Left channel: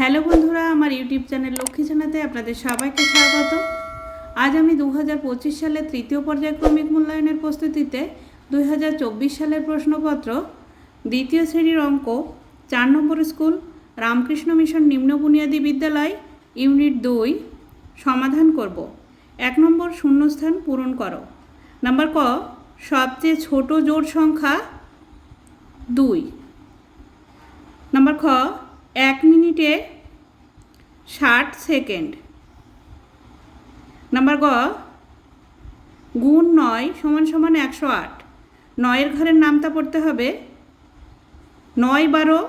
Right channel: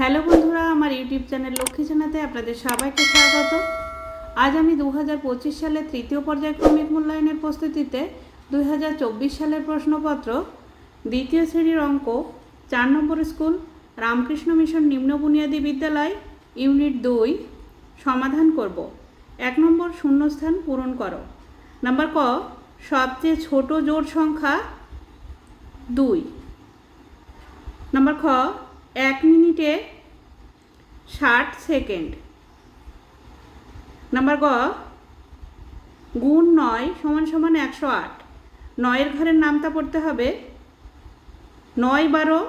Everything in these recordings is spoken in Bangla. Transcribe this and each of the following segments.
হ্যালো বন্ধুরা, আমার ইউটিউব চ্যানেল লক্ষ্মী জানাতে আপনাদের সবাইকে স্বাগত। আজ আমি দু হাজার পঁচিশ সালের তৃতীয় পর্যায়ক্রমিক মূল্যায়নের প্রস্তুতিতে দুই হাজার চব্বিশ সালের প্রশ্নপত্র, দ্বিতীয় শ্রেণির অঙ্ক, চার নম্বর স্কুল, রামকৃষ্ণ মিশন নিম্ন বুনিয়াদী বিদ্যালয়, ইউনিট দুই, সমাধান করব। এক নম্বর শূন্যস্থান পূরণ করো। নাম্বার ক, সবচেয়ে ছোট জোড় সংখ্যা দুই। নাম্বার খ এক মিনিটে ষাট সেকেন্ড। নাম্বার গ, গুণ নয় সমান সমান একশো আট। নয়ের ঘরের নামটা পড়তে হবে নয় বারো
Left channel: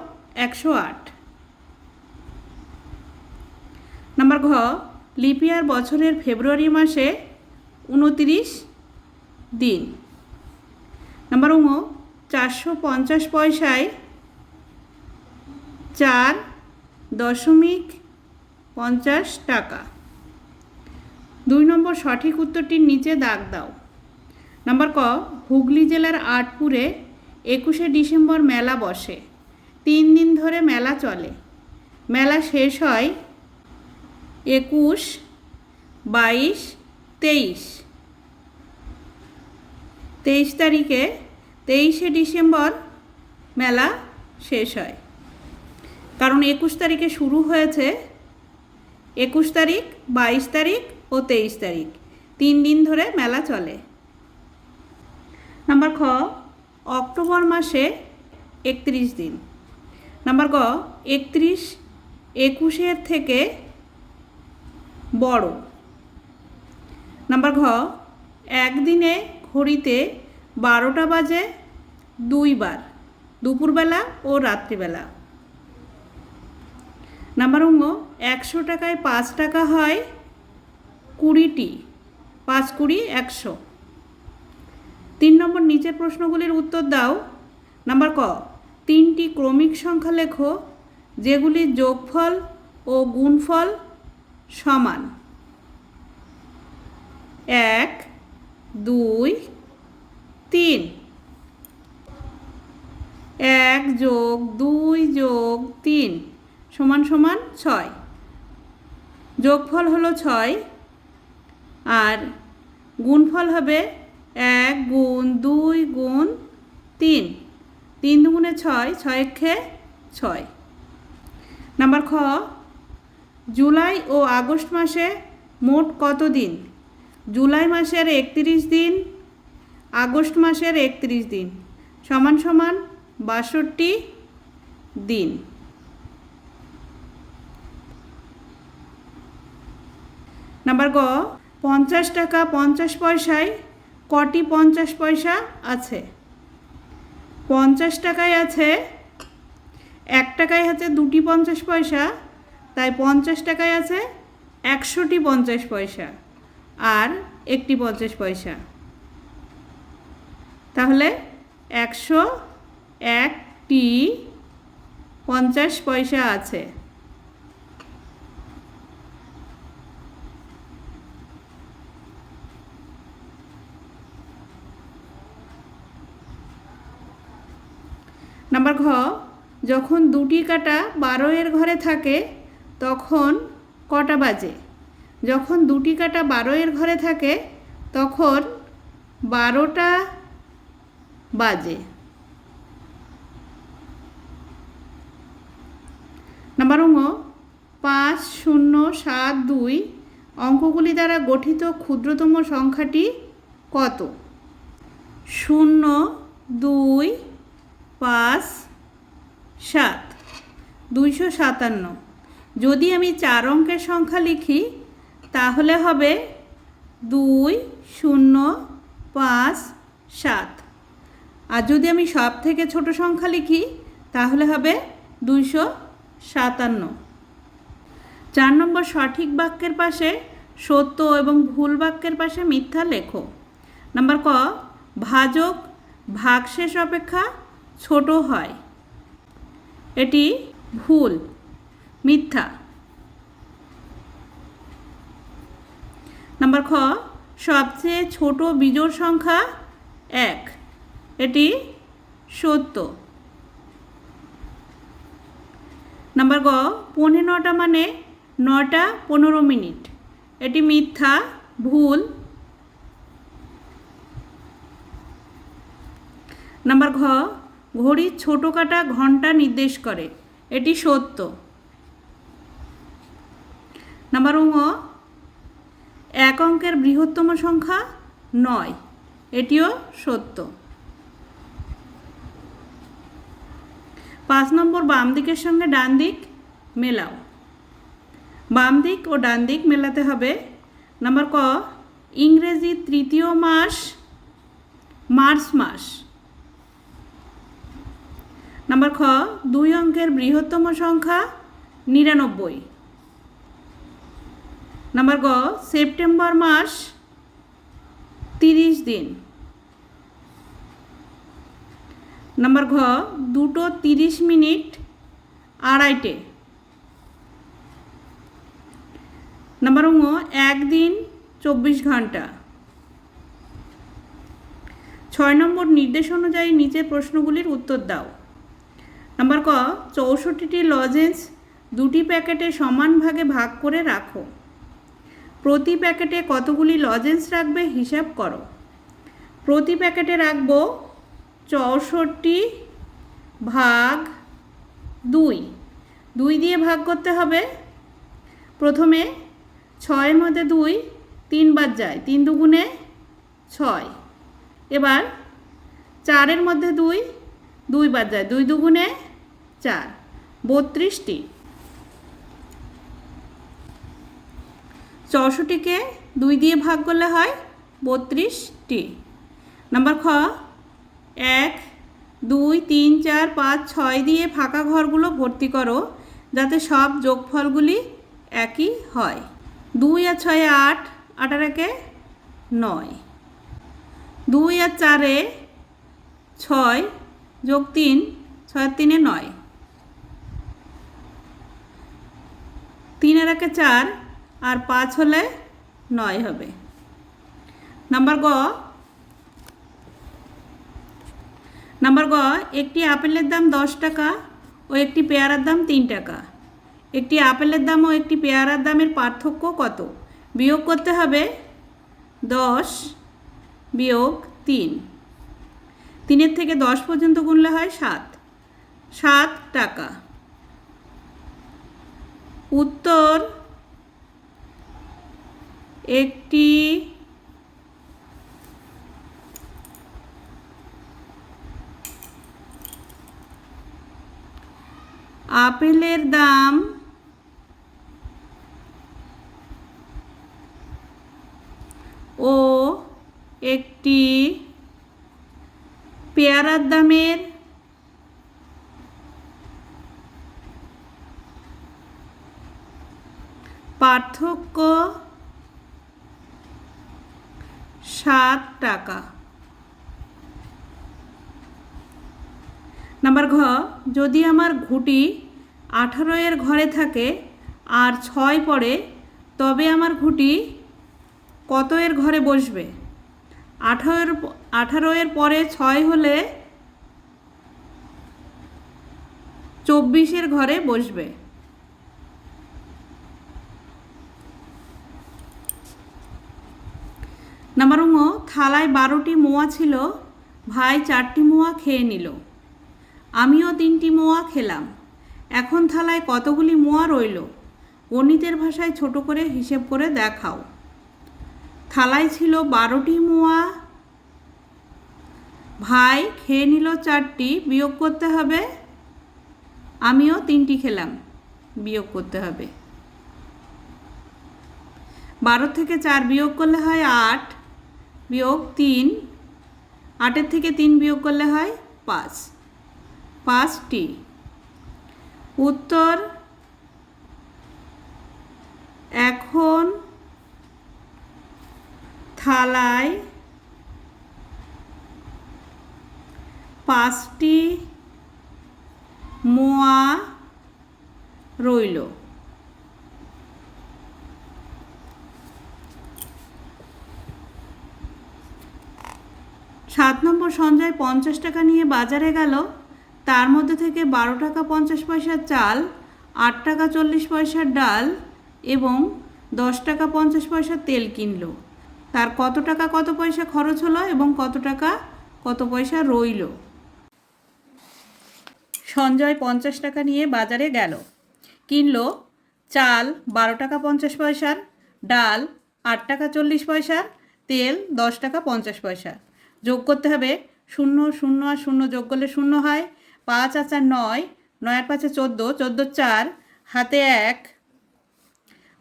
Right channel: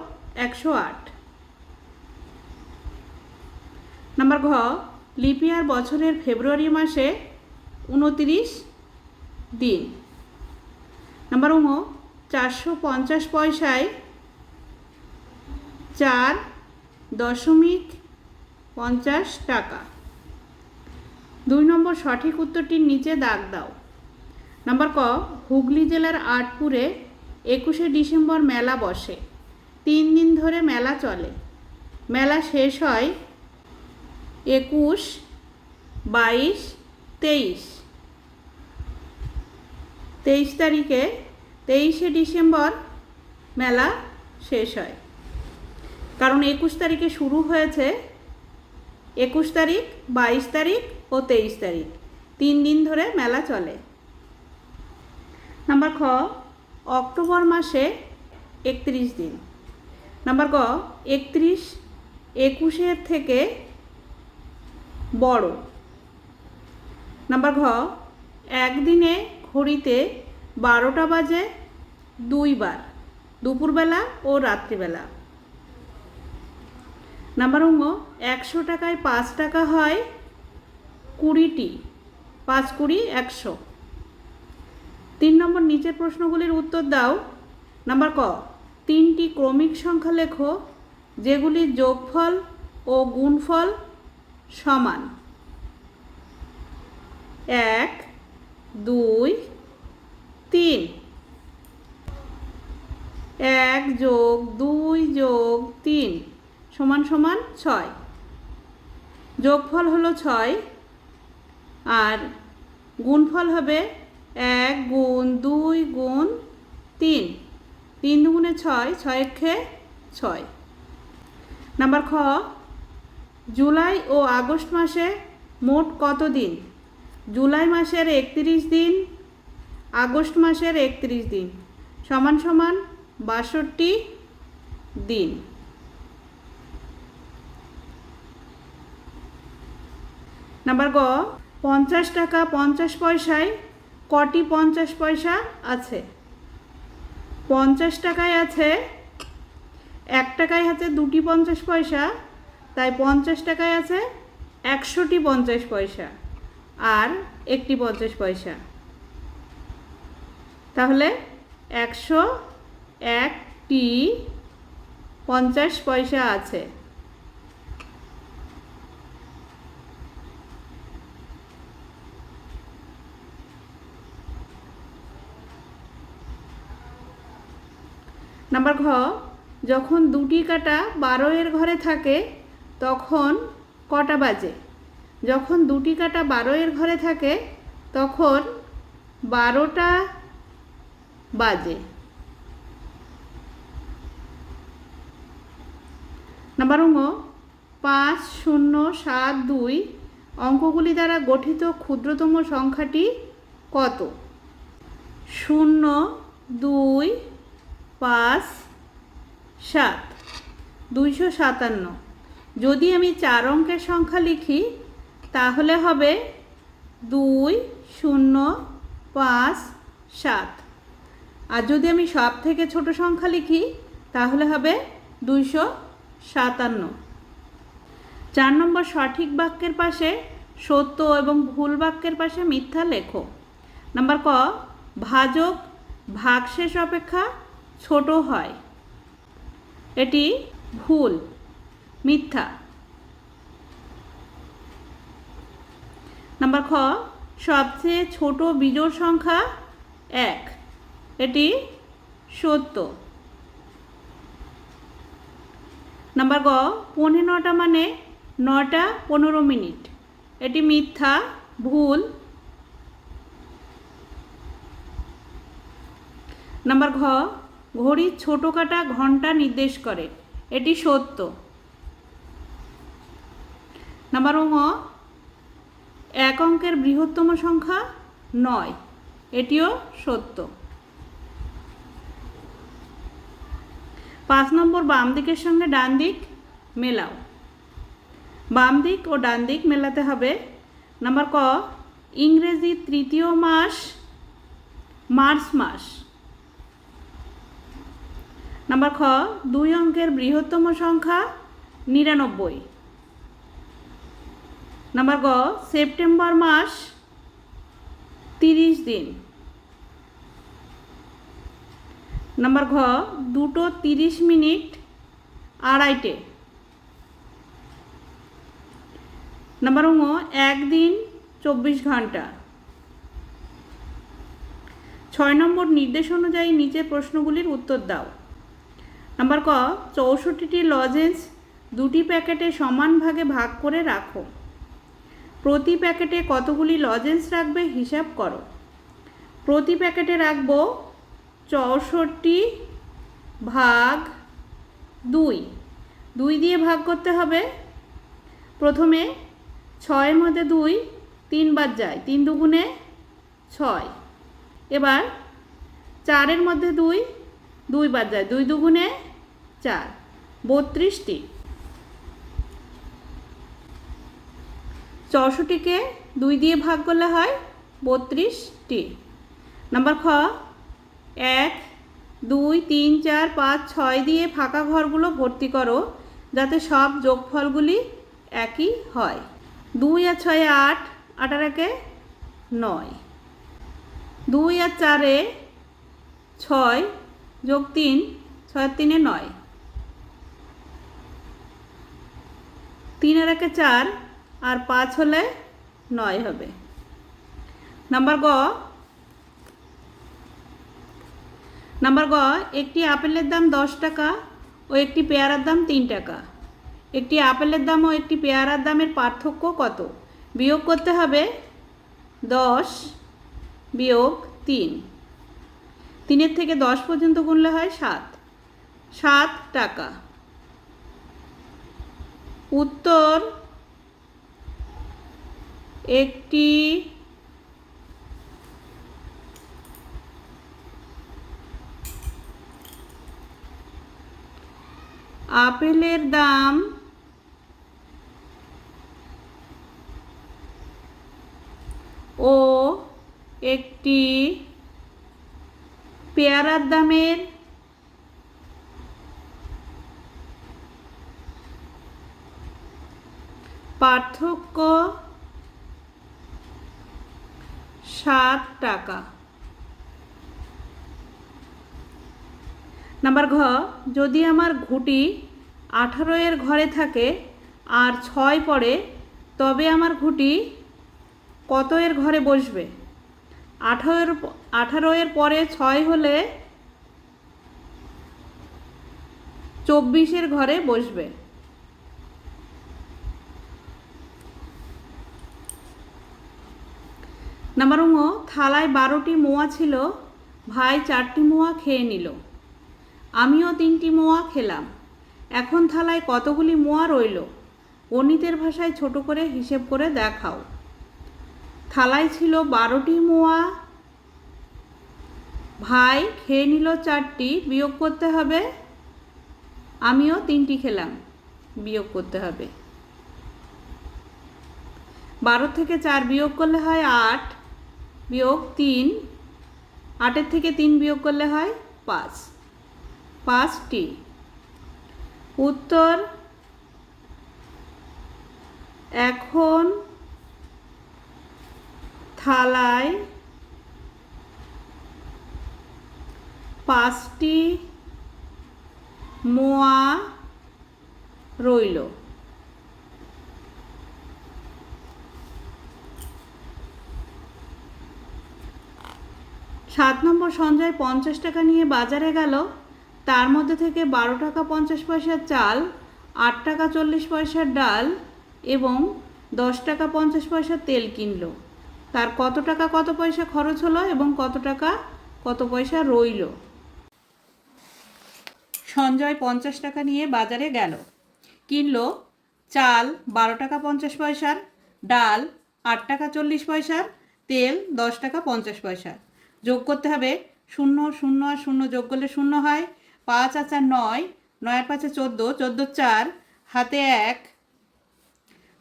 একশো আট। নাম্বার ঘ লিপিয়ার বছরের ফেব্রুয়ারি মাসে উনতিরিশ দিন। নাম্বার উম চারশো পঞ্চাশ পয়সায় চার দশমিক পঞ্চাশ টাকা। দুই নম্বর সঠিক উত্তরটির নিচে দাগ দাও। নাম্বার ক, হুগলি জেলার আটপুরে একুশে ডিসেম্বর মেলা বসে। তিন দিন ধরে মেলা চলে। মেলা শেষ হয় একুশ বাইশ তেইশ। তেইশ তারিখে তেইশে ডিসেম্বর মেলা শেষ হয়। কারণ একুশ তারিখে শুরু হয়েছে একুশ তারিখ, বাইশ তারিখ ও তেইশ তারিখ। তিন দিন ধরে মেলা চলে। নাম্বার খ, অক্টোবর মাসে একত্রিশ দিন। নাম্বার ক একত্রিশ একুশের থেকে বড়। নাম্বার ঘ, একদিনে ঘড়িতে বারোটা বাজে দুইবার, দুপুরবেলা ও রাত্রিবেলা। নাম্বার অঙ্গ একশো টাকায় পাঁচ টাকা হয় কুড়িটি। পাঁচ কুড়ি, একশো। তিন নম্বর, নিচের প্রশ্নগুলির উত্তর দাও। নাম্বার ক, তিনটি ক্রমিক সংখ্যা লেখো যেগুলির যোগফল ও গুণফল সমান। এক, দুই, তিন। এক যোগ দুই যোগ তিন। সমান সমান ছয়। যোগফল হলো ছয়, আর গুণফল হবে এক গুণ দুই গুণ তিন। তিন দুগুণে ছয় ছয় খে ছয়। নাম্বার খ, জুলাই ও আগস্ট মাসে মোট কত দিন? জুলাই মাসের একত্রিশ দিন, আগস্ট মাসের একত্রিশ দিন। সমান সমান বাষট্টি দিন। নাম্বার গ, পঞ্চাশ টাকা পঞ্চাশ পয়সায় কটি পঞ্চাশ পয়সা আছে? পঞ্চাশ টাকায় আছে, এক টাকায় আছে দুটি পঞ্চাশ পয়সা, তাই পঞ্চাশ টাকায় আছে একশোটি পঞ্চাশ পয়সা আর একটি পঞ্চাশ পয়সা। তাহলে একশো একটি পঞ্চাশ পয়সা আছে। নাম্বার ঘ, যখন দুটি কাটা বারো এর ঘরে থাকে, তখন কটা বাজে? যখন দুটি কাটা বারো এর ঘরে থাকে, তখন বারোটা বাজে। নাম্বার অঙ্গ পাঁচ শূন্য সাত দুই অঙ্কগুলি দ্বারা গঠিত ক্ষুদ্রতম সংখ্যাটি কত? শূন্য, দুই পাঁচ, সাত, দুইশো সাতান্ন। যদি আমি চার অঙ্কের সংখ্যা লিখি, তাহলে হবে দুই, শূন্য, পাঁচ, সাত। আর যদি আমি সব থেকে ছোট সংখ্যা লিখি, তাহলে হবে দুইশো সাতান্ন। চার নম্বর সঠিক বাক্যের পাশে সত্য এবং ভুল বাক্যের পাশে মিথ্যা লেখো। নাম্বার ক, ভাজক ভাগশেষ অপেক্ষা ছোট হয়। এটি ভুল, মিথ্যা। নাম্বার খ, সবচেয়ে ছোট বিজোড় সংখ্যা এক। এটি সত্য। নাম্বার গ, পৌনে নটা মানে নটা পনেরো মিনিট। এটি মিথ্যা, ভুল। নাম্বার ঘ ঘড়ির ছোট কাটা ঘণ্টা নির্দেশ করে। এটি সত্য। নাম্বার ঙ এক অঙ্কের বৃহত্তম সংখ্যা নয়। এটিও সত্য। পাঁচ নম্বর, বাম দিকের সঙ্গে ডান দিক মেলাও। বাম দিক ও ডান দিক মেলাতে হবে। নাম্বার ক, ইংরেজি তৃতীয় মাস, মার্চ মাস। নাম্বার খ, দুই অঙ্কের বৃহত্তম সংখ্যা নিরানব্বই। নাম্বার গ, সেপ্টেম্বর মাস তিরিশ দিন। নাম্বার ঘ, দুটো তিরিশ মিনিট আড়াইটে। নাম্বার ঙ, একদিন চব্বিশ ঘণ্টা। ছয় নম্বর নির্দেশ অনুযায়ী নিচের প্রশ্নগুলির উত্তর দাও। নাম্বার ক, চৌষট্টিটি লজেন্স দুটি প্যাকেটে সমান ভাগে ভাগ করে রাখো। প্রতি প্যাকেটে কতগুলি লজেন্স রাখবে হিসাব করো। প্রতি প্যাকেটে রাখব চৌষট্টি ভাগ দুই। দুই দিয়ে ভাগ করতে হবে। প্রথমে ছয়ের মধ্যে দুই তিনবার যায়, তিন দুগুণে ছয়। এবার চারের মধ্যে দুই দুইবার যায়, দুই দুগুণে চার। বত্রিশটি। চৌষট্টিকে দুই দিয়ে ভাগ করলে হয় বত্রিশটি। নাম্বার খ, এক, দুই, তিন, চার, পাঁচ, ছয় দিয়ে ফাঁকা ঘরগুলো ভর্তি করো, যাতে সব যোগফলগুলি একই হয়। দুই আর ছয় আট আট আর একে নয়। দুই আর চারে ছয় যোগ তিন, ছয় তিনে নয় তিন আর একে চার আর পাঁচ হলে নয় হবে। নাম্বার গ। নাম্বার গ, একটি আপেলের দাম দশ টাকা ও একটি পেয়ারার দাম তিন টাকা। একটি আপেলের দাম ও একটি পেয়ারার দামের পার্থক্য কত? বিয়োগ করতে হবে দশ বিয়োগ তিন। তিনের থেকে দশ পর্যন্ত গুনলে হয় সাত। সাত টাকা। উত্তর একটি আপেলের দাম ও একটি পেয়ারার দামের পার্থক্য সাত টাকা নাম্বার ঘ যদি আমার ঘুটি আঠারো এর ঘরে থাকে আর ছয় পড়ে, তবে আমার ঘুটি কত এর ঘরে বসবে? আঠারো আঠারো এর পরে ছয় হলে চব্বিশের ঘরে বসবে। নাম্বার থালায় বারোটি মোয়া ছিল, ভাই চারটি মোয়া খেয়ে নিল। আমিও তিনটি মোয়া খেলাম। এখন থালায় কতগুলি মোয়া রইল? গণিতের ভাষায় ছোট করে হিসেব করে দেখাও। থালায় ছিল বারোটি মোয়া। ভাই, খেয়ে নিল চারটি, বিয়োগ করতে হবে। আমিও তিনটি খেলাম, বিয়োগ করতে হবে। বারো থেকে চার বিয়োগ করলে হয় আট, বিয়োগ তিন, আটের থেকে তিন বিয়োগ করলে হয় পাঁচ। পাঁচটি। উত্তর, এখন থালায় পাঁচটি মোয়া রইল। সাত নম্বর সঞ্জয় পঞ্চাশ টাকা নিয়ে বাজারে গেল। তার মধ্যে থেকে বারো টাকা পঞ্চাশ পয়সার চাল, আট টাকা চল্লিশ পয়সার ডাল এবং দশ টাকা পঞ্চাশ পয়সার তেল কিনলো। তার কত টাকা কত পয়সা খরচ হলো এবং কত টাকা কত পয়সা রইল? সঞ্জয় পঞ্চাশ টাকা নিয়ে বাজারে গেল। কিনল চাল বারো টাকা পঞ্চাশ পয়সার, ডাল আট টাকা চল্লিশ পয়সার, তেল দশ টাকা পঞ্চাশ পয়সা যোগ করতে হবে শূন্য শূন্য আর শূন্য যোগ করলে শূন্য হয়। পাঁচ আর চার নয় নয় আর পাঁচে চোদ্দ চোদ্দ চার, হাতে এক,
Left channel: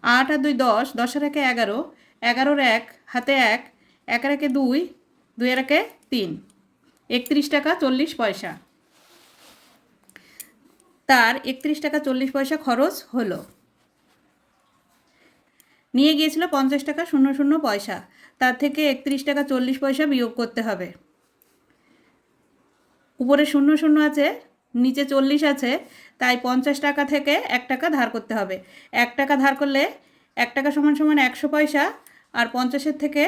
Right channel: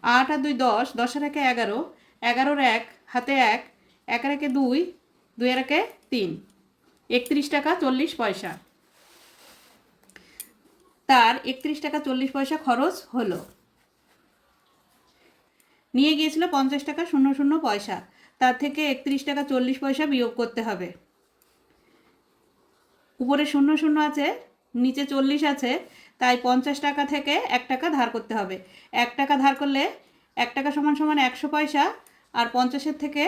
আট আর দুই দশ দশ আর একে এগারো, এগারোর এক, হাতে এক এক আর একে দুই দুই আর একে তিন। একত্রিশ টাকা চল্লিশ পয়সা। তার একত্রিশ টাকা চল্লিশ পয়সা খরচ হলো। নিয়ে গিয়েছিল পঞ্চাশ টাকা শূন্য শূন্য পয়সা। তার থেকে একত্রিশ টাকা চল্লিশ পয়সা বিয়োগ করতে হবে। উপরে শূন্য শূন্য আছে, নিচে চল্লিশ আছে, তাই পঞ্চাশ টাকা থেকে এক টাকা ধার করতে হবে। এক টাকা ধার করলে এক টাকা সমান সমান একশো পয়সা আর পঞ্চাশের থেকে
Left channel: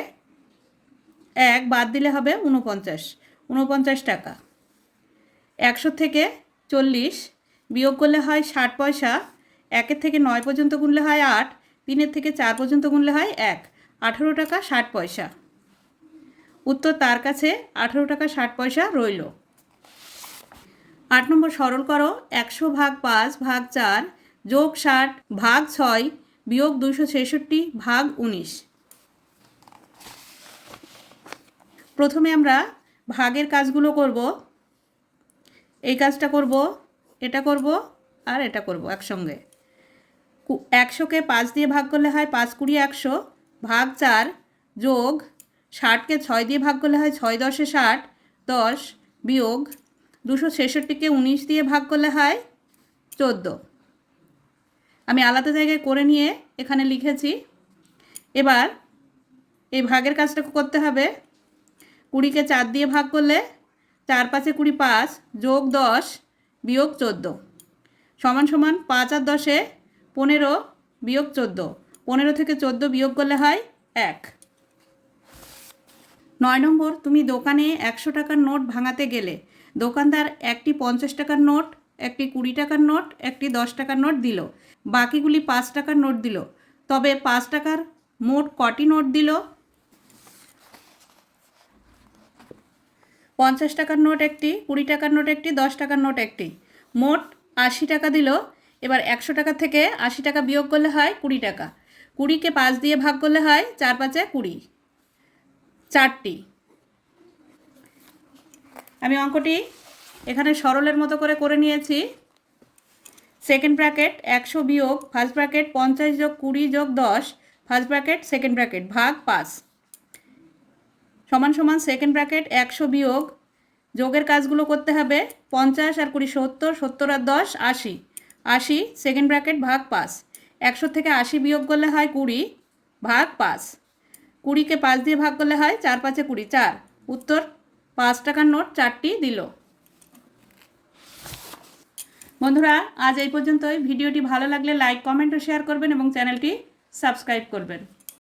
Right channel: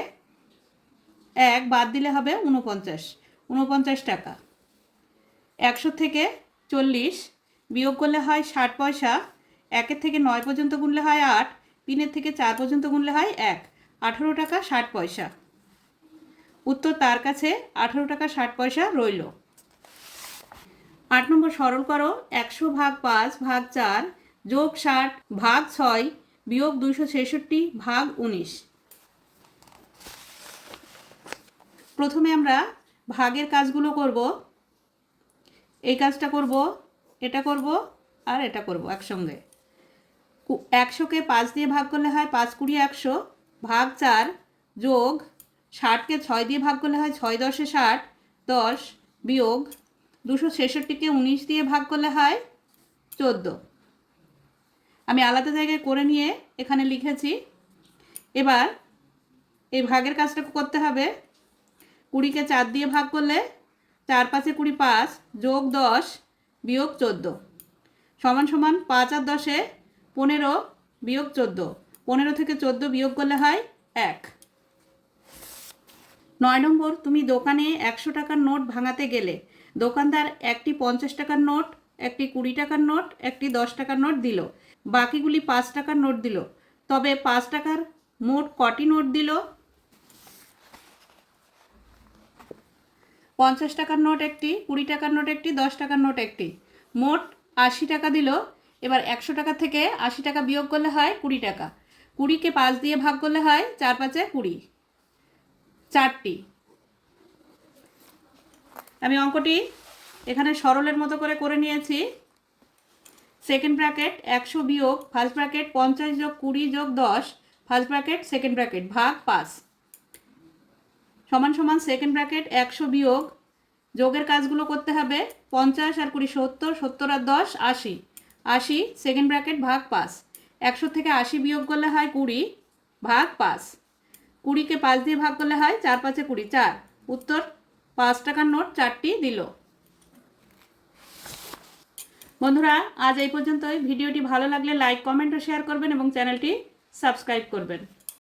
এক বাদ দিলে হবে উনপঞ্চাশ উনপঞ্চাশ টাকা। একশো থেকে চল্লিশ বিয়োগ করলে হয় ষাট পয়সা, একের থেকে নয় পর্যন্ত গুনলে হয় আট, তিনের থেকে চার পর্যন্ত গুনলে হয় এক, আঠেরো টাকা ষাট পয়সা। উত্তর তার কাছে আঠেরো টাকা ষাট পয়সা রইল। আট নম্বর সরল করো, একশো ভাগ পাঁচ ভাগ চার যোগ ষাট ভাগ ছয় বিয়োগ দুশো ছেষট্টি ভাগ উনিশ। প্রথমে আমরা ভাগের কাজগুলো করব। এই কাজটা করব, এটা করব আর এটা করব একসঙ্গে। একশোকে পাঁচ দিয়ে ভাগ করলে হয় পাঁচ কুড়ি একশো ভাগ চার যোগ ষাটকে ছয় দিয়ে ভাগ করলে হয় ছয় দশে ষাট দশ বিয়োগ দুশো ছেষট্টিকে উনিশ দিয়ে ভাগ করলে হয় চোদ্দ। আমি আলাদা জায়গায় করে নিয়ে এখানে লিখেছি, এবার এই ভাগের কাজটা করতে হবে। কুড়িকে চার দিয়ে ভাগ করলে চার পাঁচে কুড়ি পাঁচ যোগ দশ বিয়োগ চোদ্দ। সমান সমান পাঁচ আর দশে পনেরো বিয়োগ চোদ্দ। পনেরো থেকে চোদ্দ বিয়োগ করলে হয় এক। নয় নম্বর, তুমি দোকানে একশো টাকার নোট ভাঙাতে গেলে দোকানদার একটি পঞ্চাশ টাকার নোট, একটি কুড়ি টাকার নোট, একটি দশ টাকার নোট দিল। বাকিগুলি পাঁচ টাকার নোট দিল। তবে পাঁচ টাকার মোট কটি নোট দিল? পঞ্চাশ টাকার নোট একটি, কুড়ি টাকার নোট একটি, দশ টাকার নোট একটি। মোট আশি টাকা দিল। এবার একশো টাকা থেকে আশি টাকা বিয়োগ করলে হয় কুড়ি টাকা। কুড়িকে পাঁচ দিয়ে ভাগ করলে হয় চার পাঁচে কুড়ি। চারটি। আমি অঙ্কটি এখানে সরলের মতো করে করে নিয়েছি। সেকেন্ড ব্র্যাকেট একশো বিয়োগ, ফার্স্ট ব্র্যাকেট পঞ্চাশ যোগ কুড়ি যোগ দশ, ফার্স্ট ব্র্যাকেট সেকেন্ড ব্র্যাকেট ভাগ পাঁচ। সমান সমান সেকেন্ড ব্র্যাকেট একশো বিয়োগ, যোগের কাজগুলো করতে হবে পঞ্চাশ আর কুড়ি সত্তর সত্তর আর দশ আশি। আশি, সেকেন্ড ব্র্যাকেট ভাগ পাঁচ। একশো থেকে আশি বিয়োগ করলে হয় কুড়ি, ভাগ পাঁচ। কুড়িকে পাঁচ দিয়ে ভাগ করলে হয় চার, পাঁচে কুড়ি, চার। উত্তর পাঁচ টাকার নোট চারটি দিল। বন্ধুরা, আজ এই পর্যন্তই। ভিডিওটি ভালো লাগলে লাইক, কমেন্ট ও শেয়ার করবেন এবং চ্যানেলটি সাবস্ক্রাইব করবেন।